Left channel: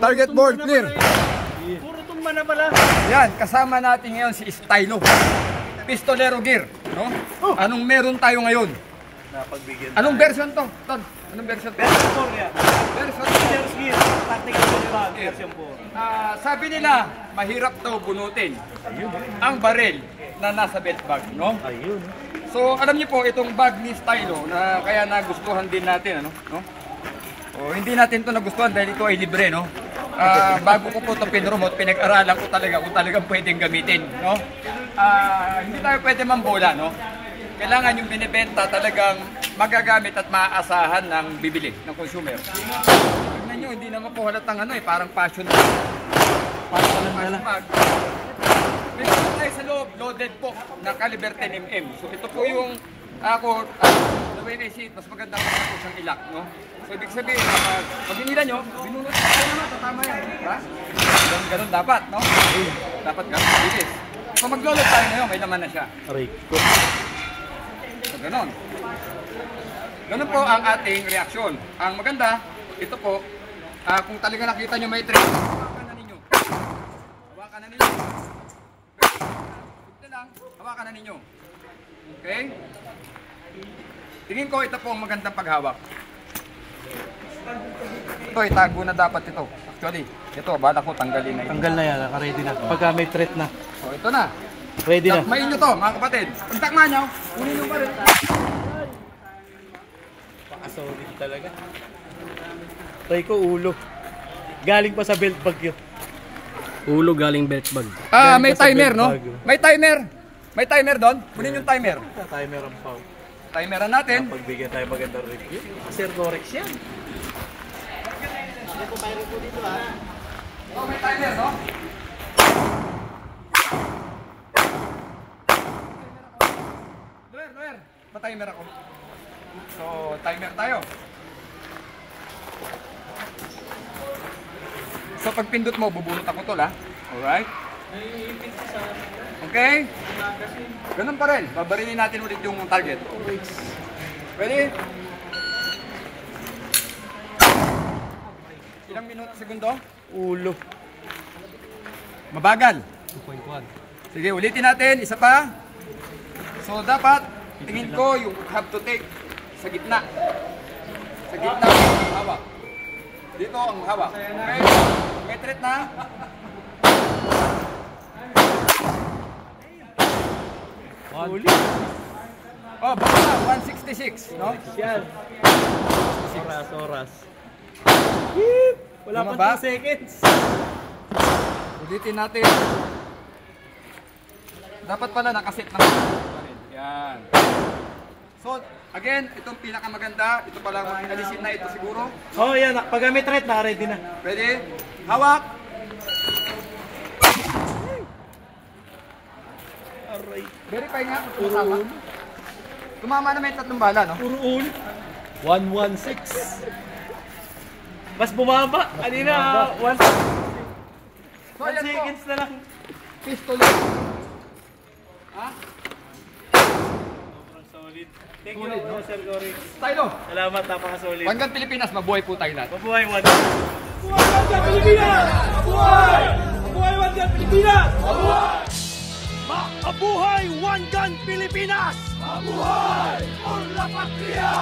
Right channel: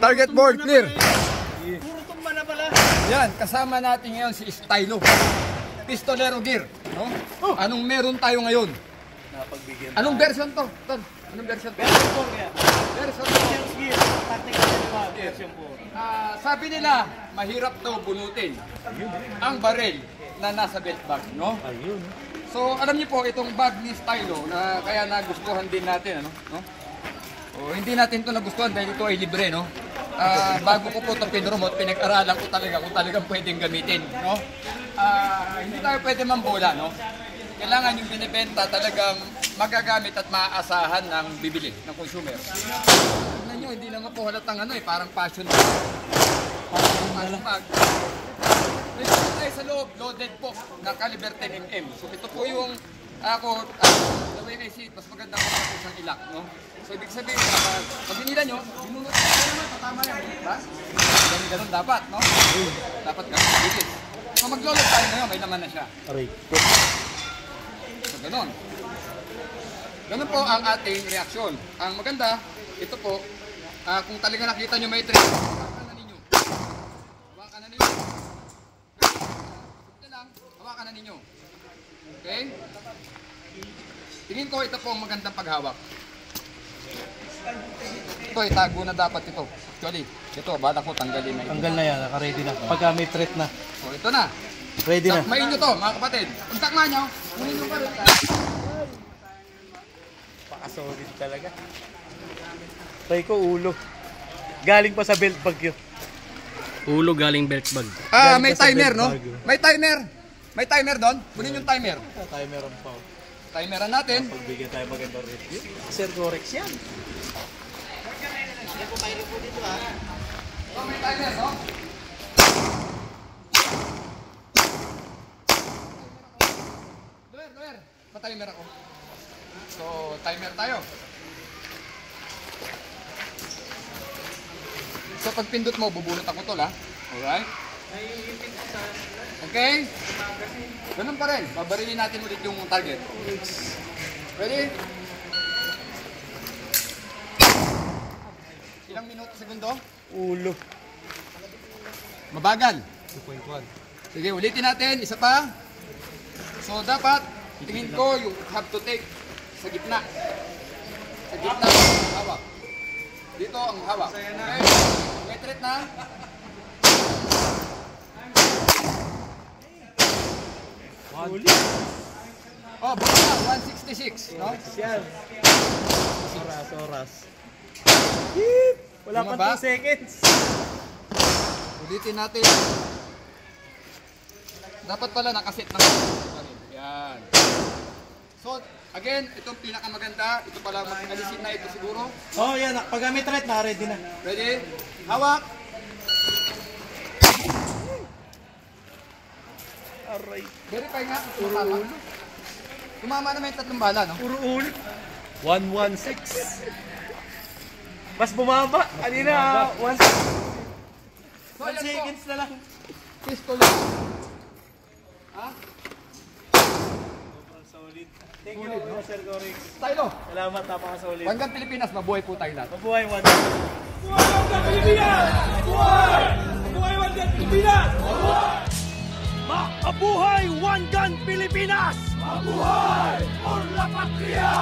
Target board, clear. Puro tumba na pala. Yan, kasama natin ngayon si Stylo. Pistolero gear, no? Anong meron tayo ngayon? Napagbigyan. Anong version to? Ton, anong version to? Version 4 yan. Version Pistolero gear. Tactical version 4. sabi nila, mahirap daw bunutin ang baril na nasa belt bag, no? Ayun. So, alam niyo po, itong bag ni Stylo, na kaya nagustuhan din natin, ano? No? O, hindi natin ito nagustuhan dahil ito ay libre, no? Bago ko po ito pinromote, pinag-aralan ko talaga kung talagang pwedeng gamitin, no? Hindi tayo pwede mambola, no? Kailangan yung binibenta talagang magagamit at maaasahan ng bibili, ng consumer. Tignan nyo, hindi naman po halatang ano parang passion bag. Parang passion bag. May gano'n tayo sa loob, loaded po, na caliber 10mm. So ito po yung, the way I see it, mas maganda po na po siyang ilak, no? So ibig sabihin, pag hinila nyo, binunod tayo naman, tatama yan, diba? Ganun dapat, no? Dapat ganun, bilis. So mag-load tayo ngayon, may laman na siya. So ganun. Ganun po ang ating reaksyon. Ang maganda, ito po, kung talaga nakita nyo may trade, hawakan na ninyo. Hawakan na ninyo. Ito lang, hawakan na ninyo. Okay? Tingin ko ito po ang magandang paghawak. Ito, itago na dapat ito. Actually, ito, bala ko tanggalin na ito. Tanggal na yan, naka-ready na. Pagka may threat na. So, ito na. Ready na. Takmain nyo to, mga kapatid. Pag takma nyo, kunin nyo pa rin. Pakasolid talaga. Try ko ulo. Galing pa sa belt bag yun. Ulo galing belt bag. May timer, no? May timer. May timer doon. Kunin yung timer. Timer ang pao. Timeran natin. Pagbigyan tayo magandang review. Sir Gorex yan. Oh, may timer, no? Lower. Pa-timer ako. So, timer tayo. So, pag pindot mo, bubunot ako tol, ha? Alright? Okay? Ganun pa rin. Babarilin natin ulit yung target. Ready? Ilang minuto, segundo? Ulo. Mabagal. 2.1. Sige, ulitin natin. Isa pa. So, dapat, tingin ko, you have to take sa gitna. Sa gitna ang hawak. Dito ang hawak. Okay? May threat na. Uli. Oh, baka 166, no? Yan. Oras. Wala Tama pa ba? 2 seconds. Ulitin natin. Dapat pala nakasit ng yan. So, again, itong pinakamaganda. Ito pala mag-alisin na ito siguro. Oh, yan. Pag may threat, naka-ready na. Ready? Hawak. Aray. Verify nga kung tumama. Tumama na may tatlong bala, no? Puro ulit. 116. Mas bumaba. Kanina, 1 So, ayan po. seconds na lang. Pistol. Ha? Sobrang solid. Thank you, Solid, no? Sir Gorex. Stylo. Salamat, napaka-solid. Hanggang Pilipinas, mabuhay po tayo lahat. Mabuhay mo. Mabuhay Wanggang Pilipinas! Mabuhay! Mabuhay Wanggang Pilipinas! Mabuhay! Mabuhay Wanggang Pilipinas! Mabuhay! Por la Patria!